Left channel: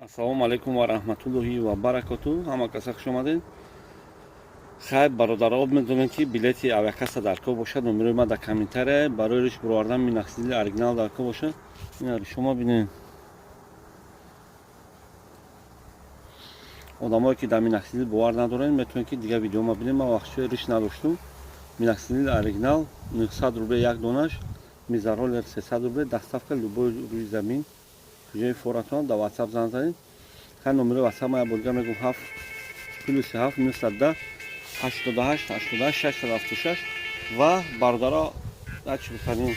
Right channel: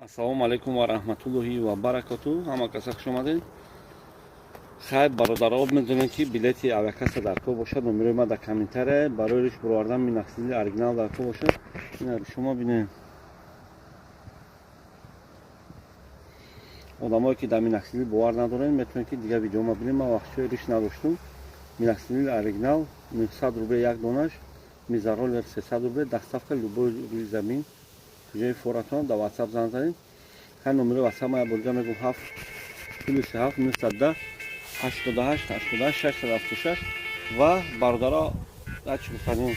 Ассалому алайкум ва раҳматуллоҳи ва баракатуҳ. Ҳама каса хуш омадед. Хайр бародаро, медонем ки билети авиакаса дар ко бошад. номерои ма дар комментария барои риш буровардан минақсидили оригинал дар ко бошад. Ин шумо бинед. одамое ки дар минақсидили бовар надоред метавонед ки дигар видеома бинед. ман вақтшо риш надоштум. минақсидили оригинал 900 рубле як донаш, мизаролер 300 рубле, доставка любой руи замин. ҷои форатон дар WhatsApp занг занед. ҳар номери WhatsApp ма бо дига мегӯм 7 +7 910 88 88 676 ва бародаро ачи бифармоед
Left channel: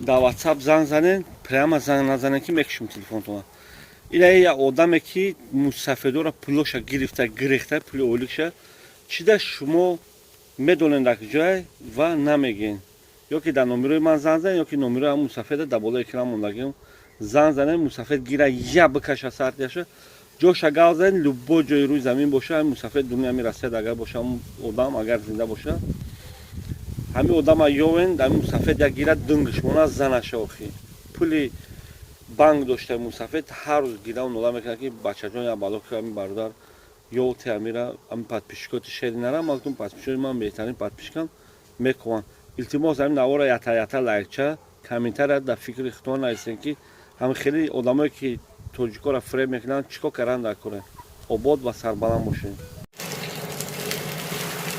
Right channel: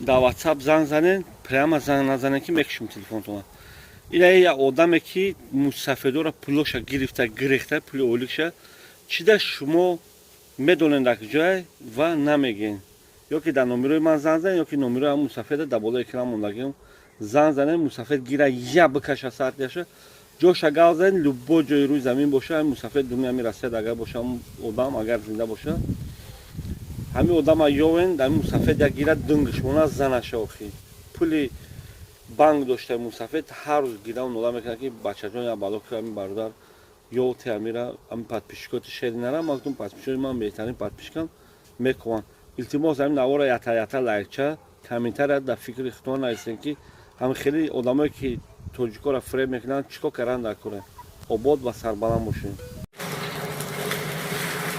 дар WhatsApp занг занед. прямо занг назанед ки мекушем телефонтона. ина як одаме ки мусафедора пулоша гирифта гирехта пули оликша чида шумо медонед дар куҷое ва намегӯед. ё ки дар номерои ман занг занед, ё ки номерои ҳамун мусафеда дар болои экран мондагиам занг занед. мусафед гира я бикаша сартяша ҷоша гал занед. любой ҷои рӯи замин боша ҳамин мусафед дуния мерасед. агар боша ҳамун одам агар зинда боша ҳамин одама ёвен ҳамин мусафед як гира дунгиш мона занаша охи пули банк дошта мусафед ҳар рӯз гира нола мекунад ки бачаҷон я бало ки ҳамин бародар ёлти амира ҳамин подписчикоти шери нара мактум подписчикоти ман беҳтарин подписчикам мекунанд. илтимос ҳамин навора ята лайкча комментария дар фикри худтон наистен ки ҳамин хеле одамое ки тоҷикора фреб мекунанд чико кардан дар кора. обод ва сарбаланд бошед.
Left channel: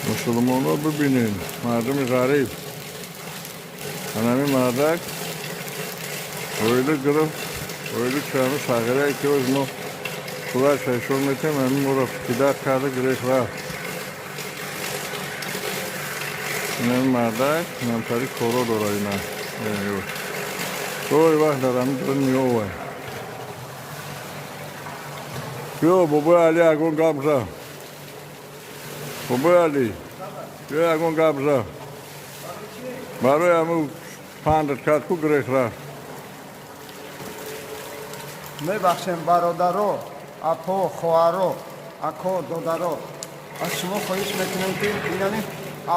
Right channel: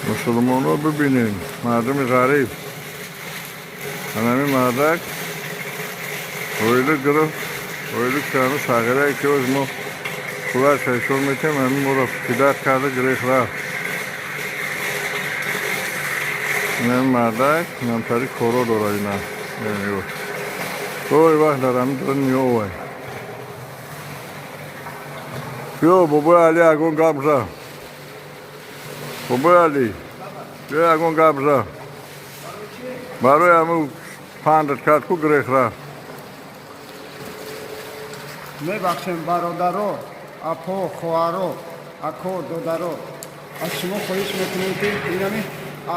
мусулмоно бибинед мардуми ғариб ҳанами мардак оила гирифт. оила кани сағирае ки оз мо пулаш айшон метем ҳамин моро пидар карда гирехт рафт. ҳамин мардак намтари коро дора ина ой вақт дар ҳамин дора ниёвай биё бобои али ягон гап за. бобои али биё ягон гап за. барои ҳамин пандат кард ку гирехт рафт. мебахшем бародаро, апо, хоҳаро, ако, додаро, аз шумо хоҳиш мекунем ки инами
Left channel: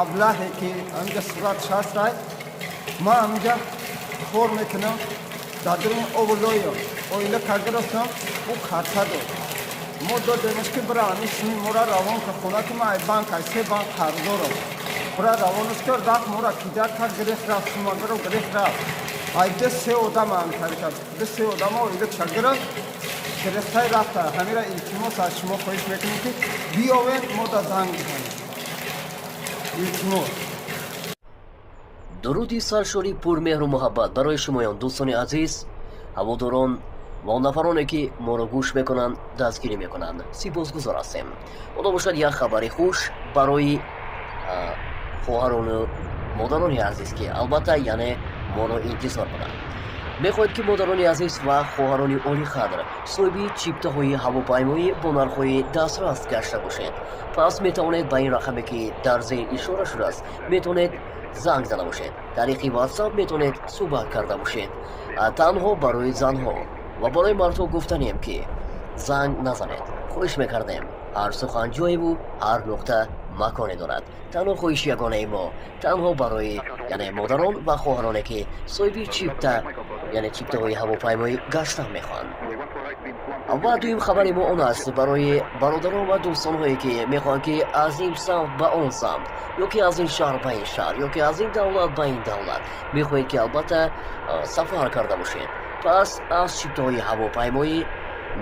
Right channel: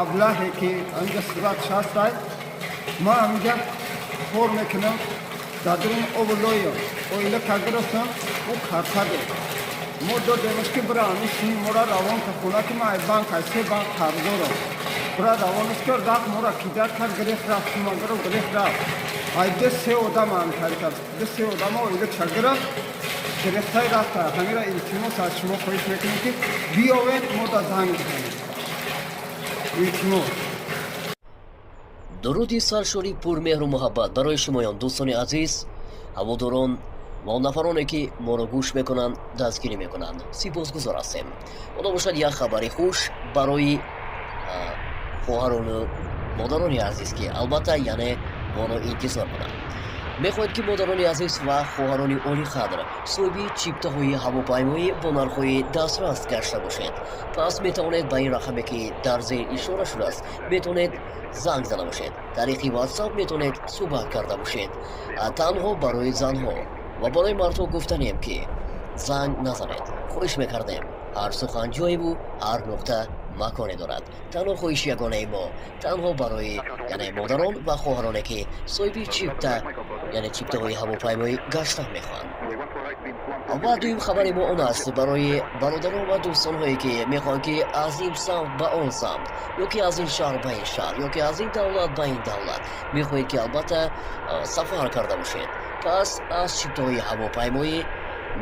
аблаҳе ки анҷа суратш ҳастай ман ҳаминҷа кор мекунам дар дуруни овулоё оила кагирифтам ӯ картадо мо додемаш ки бира ҳамин сини мора равон ка хона ки ман ай банк ай се банк қарздоро бира равонаш ки рафт мора кидар кард гирехт рафт шумагаро гирехт рафт ай ду се одама ҳамтари кард ду се одама оила чагира гирехтай рафта. ҳамира илтимос аз шумо хоҳиш мекунем ки биёвед мо да занг бизанем. илтимос. дуруди саршори пурмеҳру муҳаббат барои шумоён дӯстони азиз, ҳаводорон ва нафароне ки моро гӯш мекунанд дастгирӣ мекунанд. сипосгузор ҳастем. худо бошад як хабари хуш барои хоҳарону модарони азиз ки албатта яъне моро интизор кунанд. мехоҳед ки модарони азиз ва хоҳарони олиқадр соҳиби чиптаҳои ҳавопаймоӣ бо нархҳои дастрас гашта бошед. пас метавонед ба ин рақаме ки дар зер ишора шудааст метавонед занг зада бошед. тариқи WhatsApp метавонед суҳбат карда бошед. танҳо барои занҳо ва барои мардҳо гуфтанем ки занг назанед. хоҳиш мекардем ҳар сухан ҷоеву ҳар нуқта маконе дорад. танҳо хоҳиши ягонаи мо танҳо барои яъне модарон ва хоҳароне ки соҳиби чипта яъне чиптаҳои ҳавопаймоӣ гаштан мехоҳанд. ва дуюм хабари мо он аст барои бародарон ва дӯстонҳое ки мехоҳанд ки аз ин самт ба он самт ё ки аз ин шаҳр ба ин шаҳр ё ки аз ин давлат ба ин давлат мехоҳед ки албатта сафар карда бошед. пас аз чиптаҳои ҳавопаймоӣ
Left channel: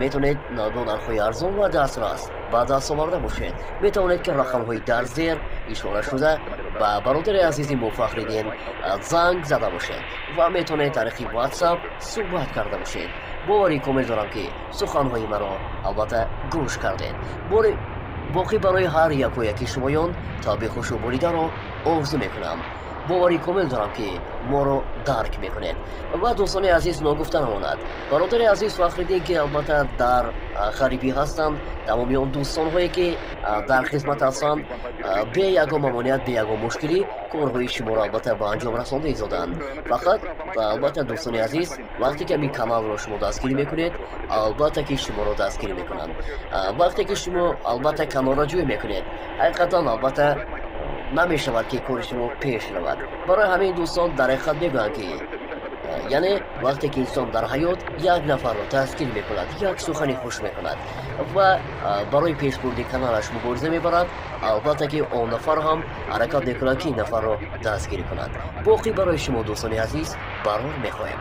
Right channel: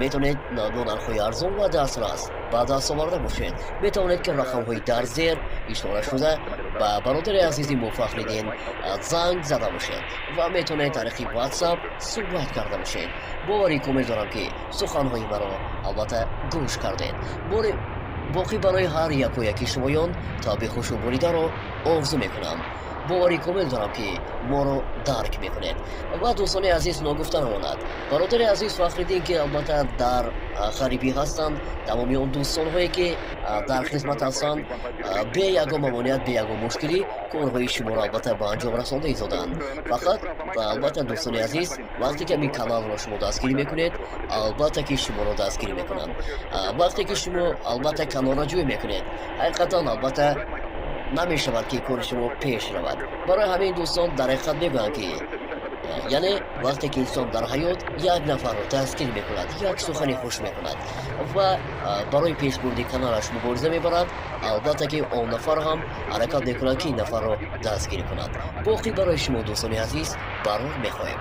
метавонед бо нархҳои арзон ва дастрас ба даст оварда бошед. метавонед ки рақамҳои дар зер ишора шуда ба бародари азизи мо фахриддин занг зада бошед ва метавонед тариқи WhatsApp суҳбат карда бошед. бори комил дорам ки суханҳои маро албатта гӯш кардед. боқӣ барои ҳар якояки шумоён табихушу боридаро орзу мекунам. бори комил дорам ки моро дарк мекунед. ва дӯстони азиз ногуфта намонад бародари азиз фахриддин ки албатта дар харибӣ ҳастанд, тамоми он дӯстонҳое ки дар хизмат ҳастанд бе ягон мамоният бе ягон мушкилӣ корҳои шуморо албатта ба анҷом расонда изоданд. фақат албатта дӯстони азиз вақте ки ин каналро шумо дастгирӣ мекунед албатта ки шуморо дастгирӣ мекунанд. вақте ки шумо албатта каналро ҷой мекунед ҳақиқатан албатта намешавад ки кори шумо пеш равад. барои ҳамин дӯстон дар ҳақиқат мегӯям ки یعنی وقتی که انسان در حیات یک نفر رو دستگیر میکند یک سخنی خوش میکند و برای پیش بردن کانالش مبارزه میبرد، البته که اون نفر هم حرکت میکند که این نفر رو دستگیر کند. باقی برای شما دوستان عزیز برنامه میخواهیم.